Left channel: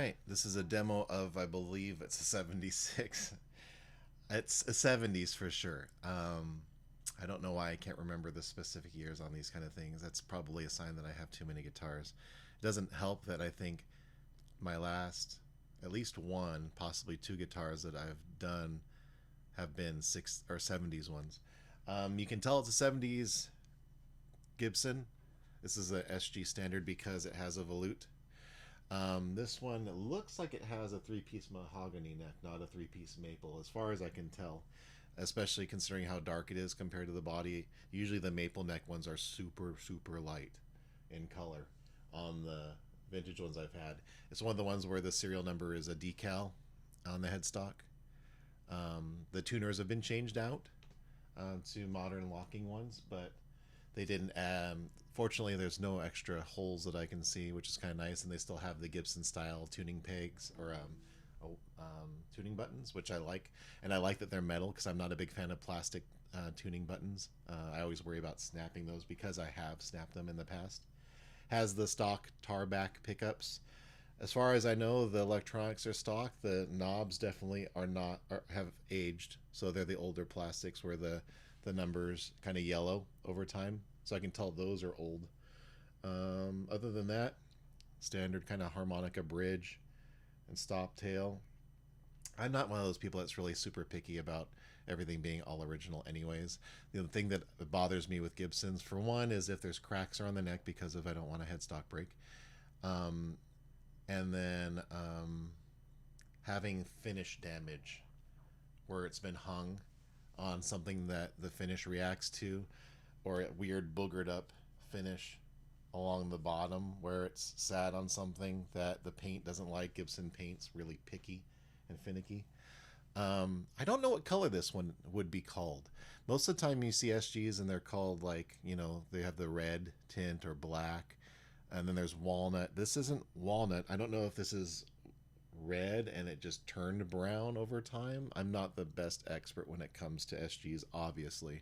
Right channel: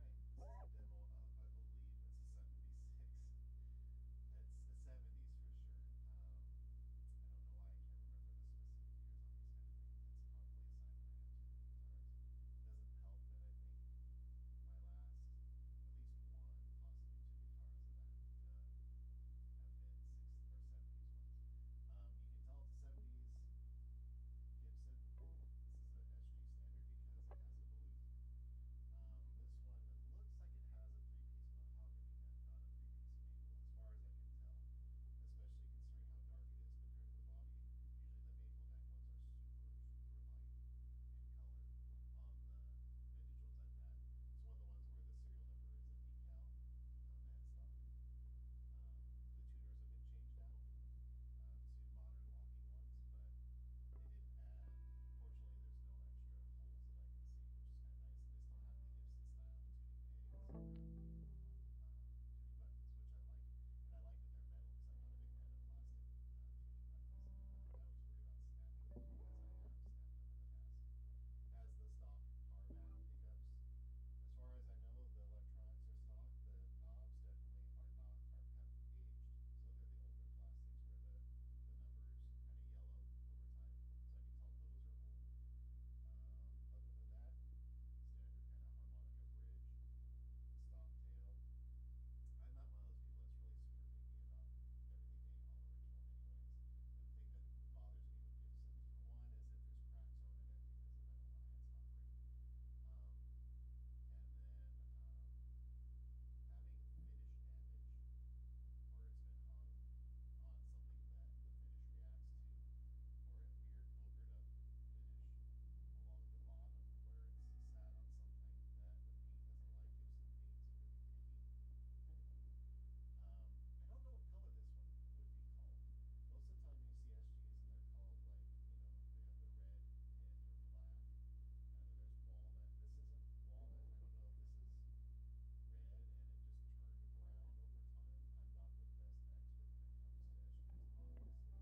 right, this is a demo of, I believe it's a 76. It's a 70s for sure. I don't know why I can't remember the specific years on these kind of things. That's probably a sign that I have too many guitars. It doesn't help that I think my last, at least one, possibly two guitars that I've done have been six or 70s ones. You can tell it's a 70s Gibson. This is a SG standard because it has a volute. This one looks like it has a three-piece mahogany neck, not a three-piece maple, as far as I can tell. Especially considering how dark it is compared to the body. Usually the maple neck ones are super, super light in color on the vintage ones I've had. It's one of the ones where the serial number is a decal on the headstock. The tuners have been changed out to modern locking ones, but they didn't fortunately there's no extra holes that I can see, which is kind of nice, and they still have the Gibson style tuning pegs or tuning buttons, which I like, and I like that they're metal because I'm not a big fan of plastic tuning buttons. I always worry about snapping those because I have snapped them in the past. Has the stock tar back pickups. As far as I know, the electronics are stock. The knobs definitely are not, have aged, so they're the older plastics where the numbers kind of yellow over time, so I can tell those are old. Other than that, standard kind of harmonica bridge and stop tail. I'm not one of those people that's really super picky about everything being all original anyways. The thing that bothers me with Gibsons, for one, is if there's cracks around the neck because of I don't want a headstock break. And then having finish damage where it's been hung on something that the finish reacts to, or a weird boogered up finish along the bottom where it's sat on something that the paint doesn't like. Gibson paint's really picky and finicky. I don't know what color this one would be called. Most of the time you see SGs and they're called like, they have the red tint or black, and then there's walnut. This isn't walnut. I don't know if this is red and it just turned brown over time. I'm not the best expert when it comes to SGs, obviously.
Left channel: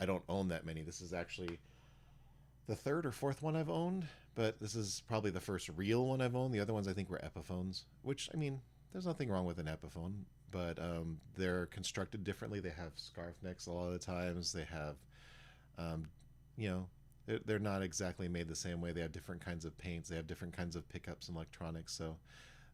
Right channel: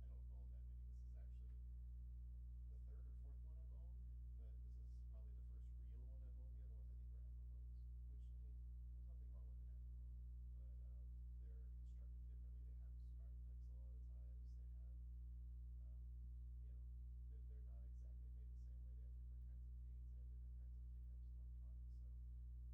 I don't own that many. This is actually the third or fourth one I've owned, but this is probably the first real one I've owned. The other ones I think were Epiphones, which, I mean, there's nothing wrong with an Epiphone, but they're constructed differently. They have scarf necks a lot of the times. They have, you know, they're not exactly made the same way. They have different kinds of paints. They have different kinds of pickups and electronics. So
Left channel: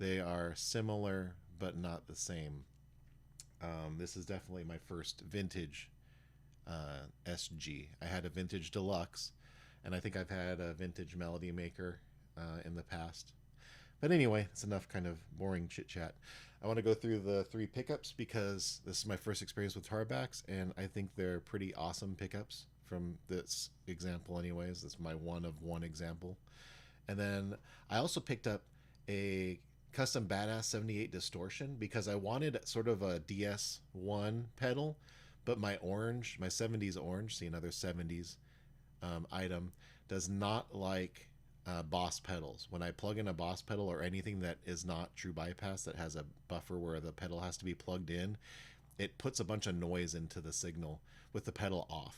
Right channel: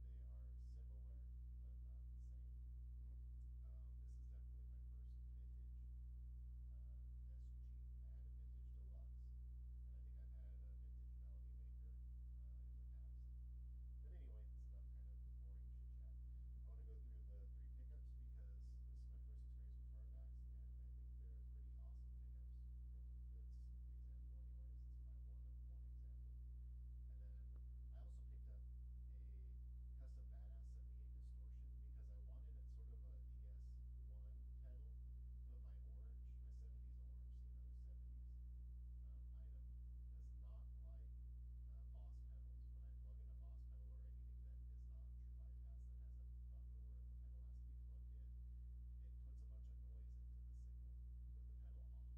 they are similar, but not the same. This is definitely my first vintage SG. I had a vintage deluxe, and I think I've had a vintage Melody Maker in the past. But anyway, it's enough kind of boring chit chat. I want to go through the three pickups because this is my first experience with tarbacks, and I think they're pretty awesome pickups from this example anyways. This is my one of one example. And then I also picked up a custom Badass 78 Distortion because I wanted sort of a DS1 pedal, but my 70s Orange, see another 70s item, does not like Boss pedals. When I plug in a Boss pedal or anything that is not true bypass that has a buffer where the pedal has to be plugged in, it puts a bunch of noise into the signal with the pedal off,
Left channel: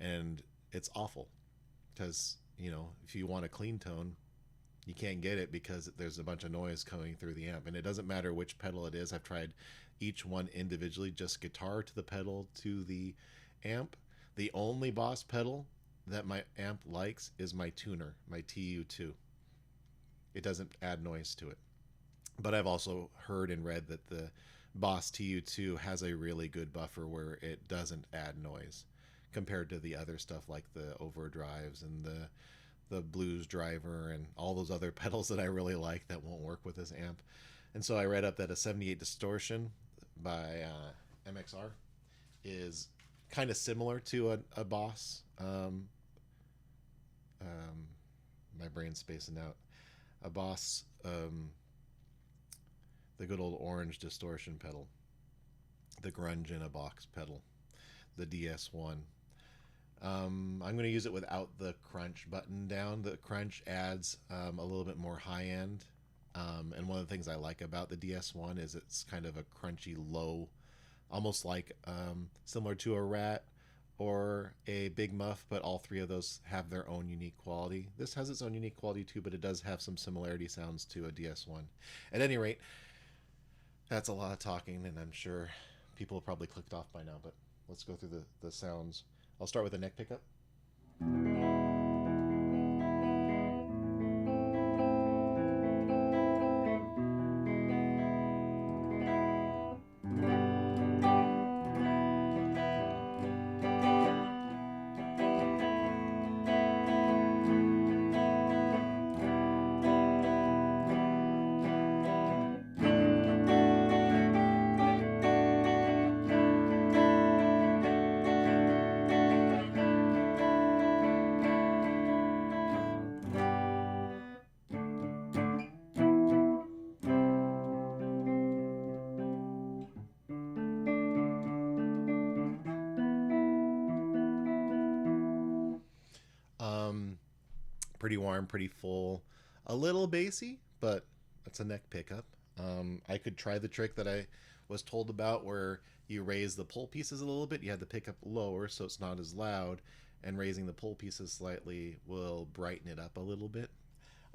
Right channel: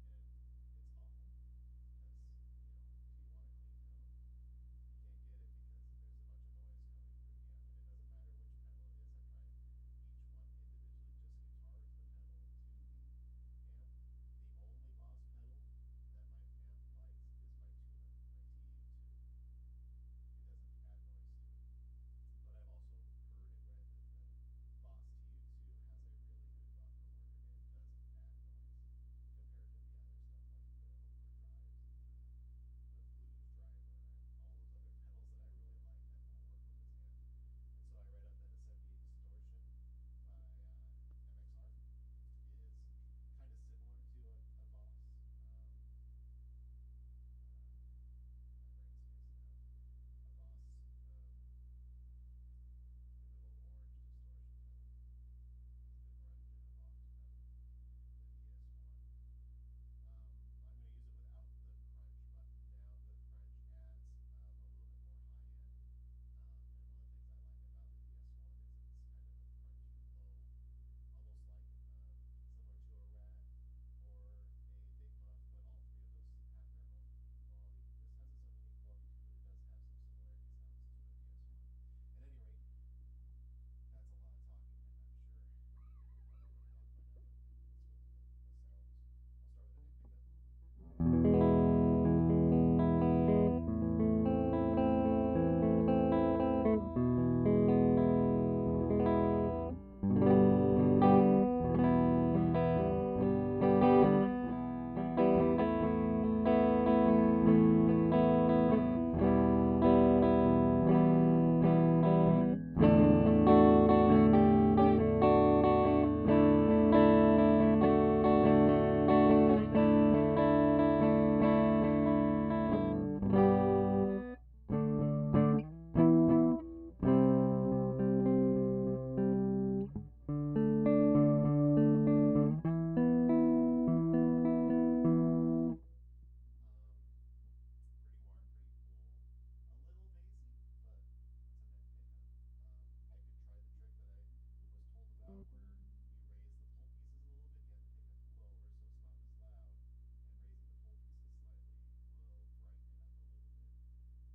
and it's awful because if you want a clean tone, you can't get it because there's a bunch of noise coming through the amp. And it doesn't matter which pedal it is. I've tried each one individually, just guitar to the pedal to the amp. The only Boss pedal that my amp likes is my tuner, my TU2. It doesn't add noise to it. But I've also heard and read that the Boss TU2 has a really good buffer where it doesn't add noise compared to the other stuff like the overdrives and the blues driver and all those other pedals that I really like that won't work with this amp. And so I read up that a 78 Distortion by MXR is kind of similar to a Boss. My brain's spacing out. A Boss, the good old Orange Distortion pedal, the grunge in a box pedal, the DS1. I'm going to use it without the crunch button down. The crunch adds a little bit more high end, and one of the things I like about the DS1 is it's kind of a crunchy low, almost like similar to a Rat or a big muff, but all three of those have their own unique quality. This has its own unique quality too, but it does have some similarity sounds to a DS1. At any rate, that's a lot of talking, and I'm sure people have probably clicked off by now, but let's go through the sounds. I'll start with the neck pickup. Pretty warm, pretty full, a little bassy, but it's a neck pickup. I could try the trick that I was told about where you raise the pull pieces a little bit. You have the pickup lower so it's not as loud, and raising the pull pieces slightly will brighten it up a little bit.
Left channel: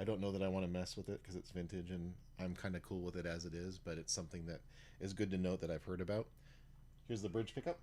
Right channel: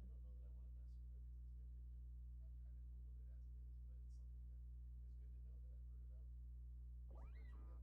I don't know that I want to mess with it because it's vintage and I'm kind of cool with it as it is, but it's something that is good to note that I've heard about. Here's the bridge pickup.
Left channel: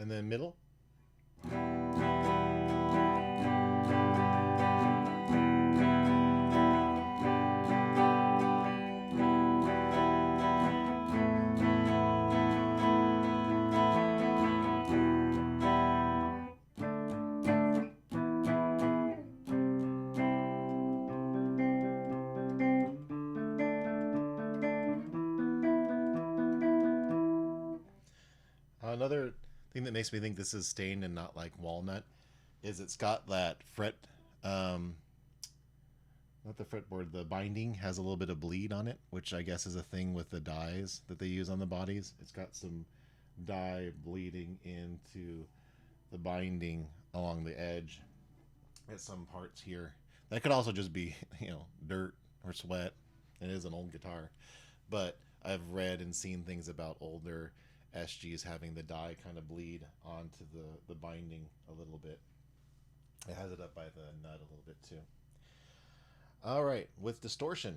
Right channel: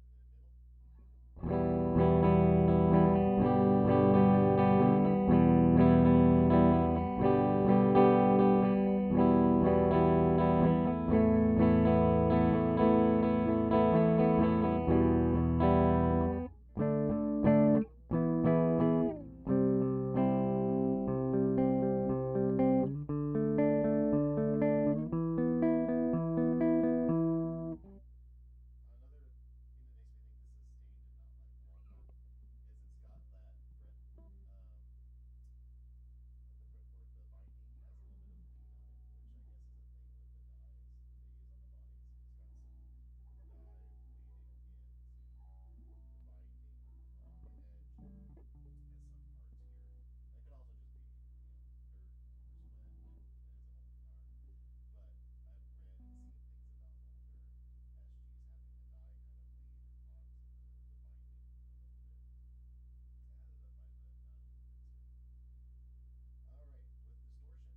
And then middle. Another thing that makes me think this is stained and not like walnut is it's got that fret, not the fretboard, the binding has a little bit of bleed on it, which I guess is a thing with the dyes that they use on the bodies. It's got some dye bleeding into the binding along the edge at some parts here. That could also just be, dirt or sweat. It is an old guitar, but I've read and seen things about older SGs having the dye kind of bleed onto the binding a little bit. It has it up by the nut a little bit too. All right, with distortion.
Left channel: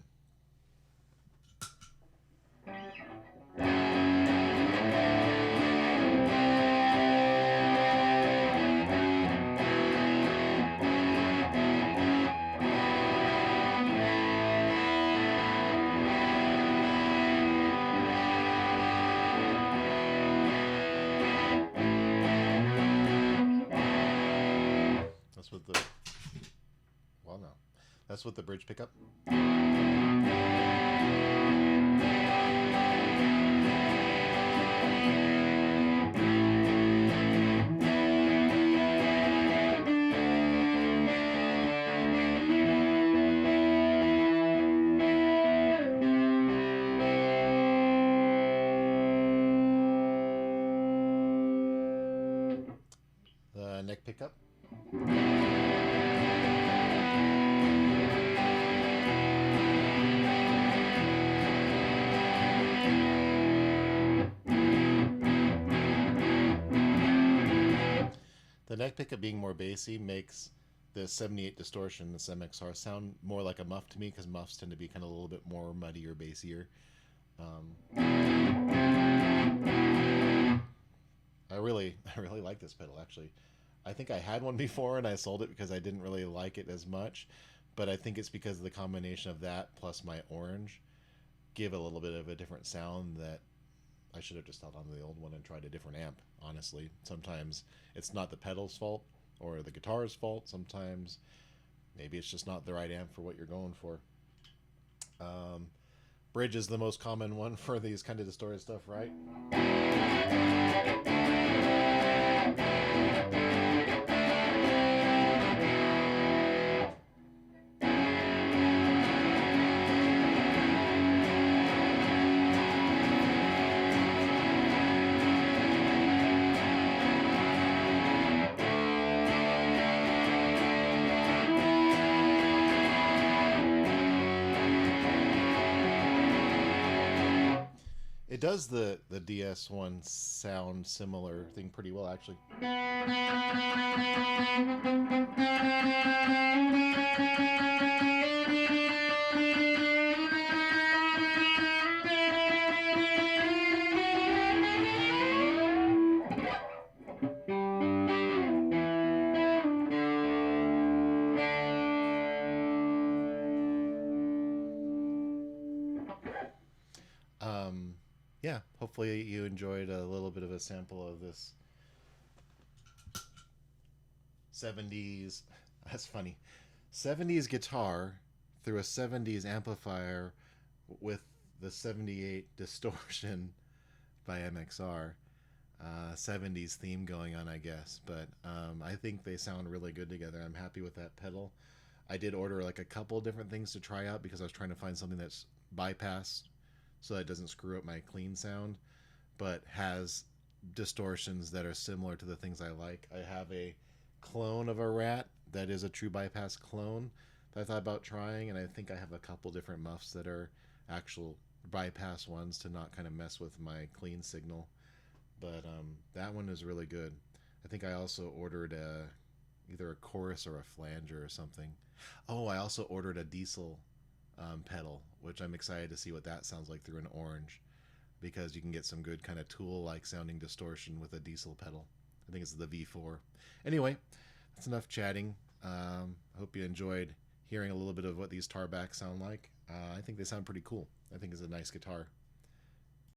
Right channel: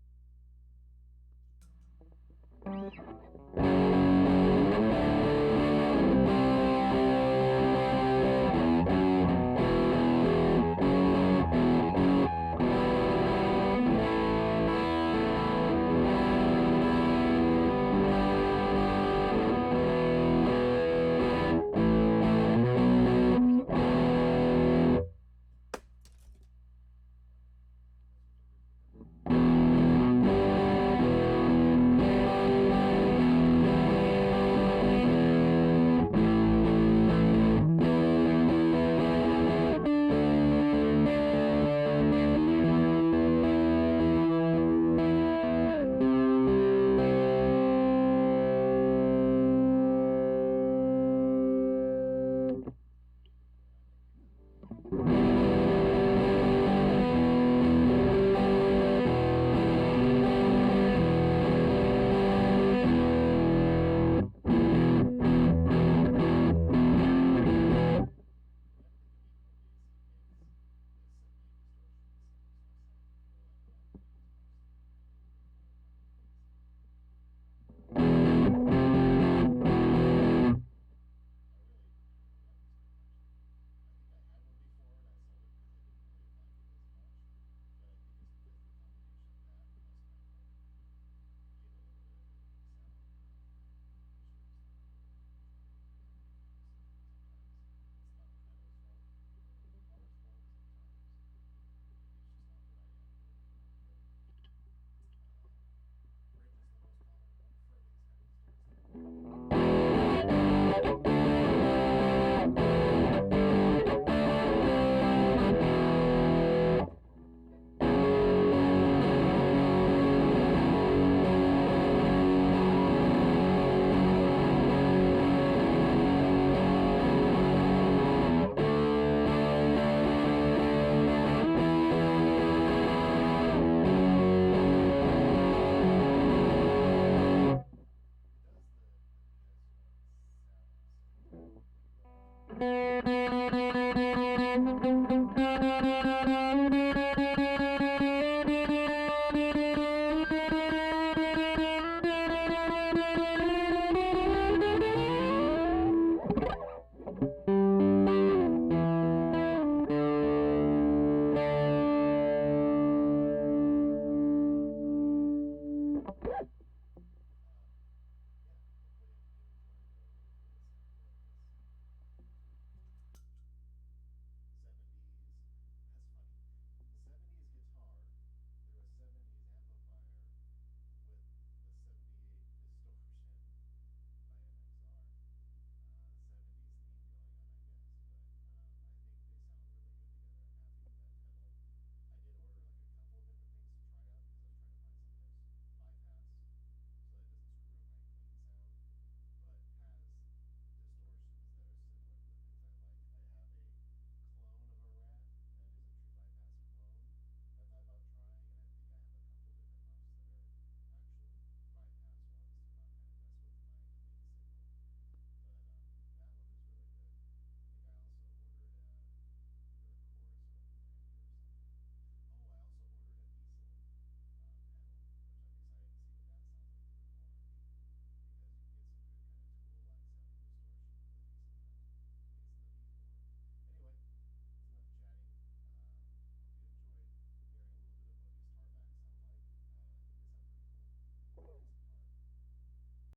That's with the bridge pickup. The neck pickup. The neck pickup being more bassy makes the 78 Distortion, this MXR, sound more like a muff to me, because muffs tend to be kind of a little bit more muddy or bassier. I really like this pedal, actually. I think I had one before and I sold it because I didn't really like it as much, but I think it's because of the combination of that plus my orange give a little bit of a different sound that I should have just held on to the old one and tried a different amp, honestly. Sometimes it's not the pedal's fault or the guitar's fault. Sometimes maybe it's just not the right amp for what you're going for. Bridge is the most common one for these kind of distorted stuff, right? It does the DS one sound similar thing pretty well, actually. Yeah, hopefully you enjoyed a little bit of a sample of this 70s, that's funny, 70s guitar through a 70s amplifier with the 78 Distortion by MXR. 70s theme going on, I guess, but I think they sound really good together. I'm happy with that pedal. I did order like a couple different things to try out because I was trying to find something that's bypassed so that it doesn't screw up my clean sound, but has distortions that are similar to the things I like. I have a clone of a Rat that is a true bypass clone that I thought about trying, and I think I have a couple different muffs that are actual bypass ones to not kind of mess with my clean signal. But that one is really good. I think I also ordered either a chorus or a flanger or something. Oh, I also ordered a diesel pedal, which I'm excited to see what that sounds like through an orange, because you can get some good kind of Tool-like sounding distortion with a diesel pedal. I think it's the V4. Anyway, that's enough chatting. I hope you enjoyed hearing a little bit of what these tarbacks sound like. I think they sound pretty cool. I think it's a nice guitar.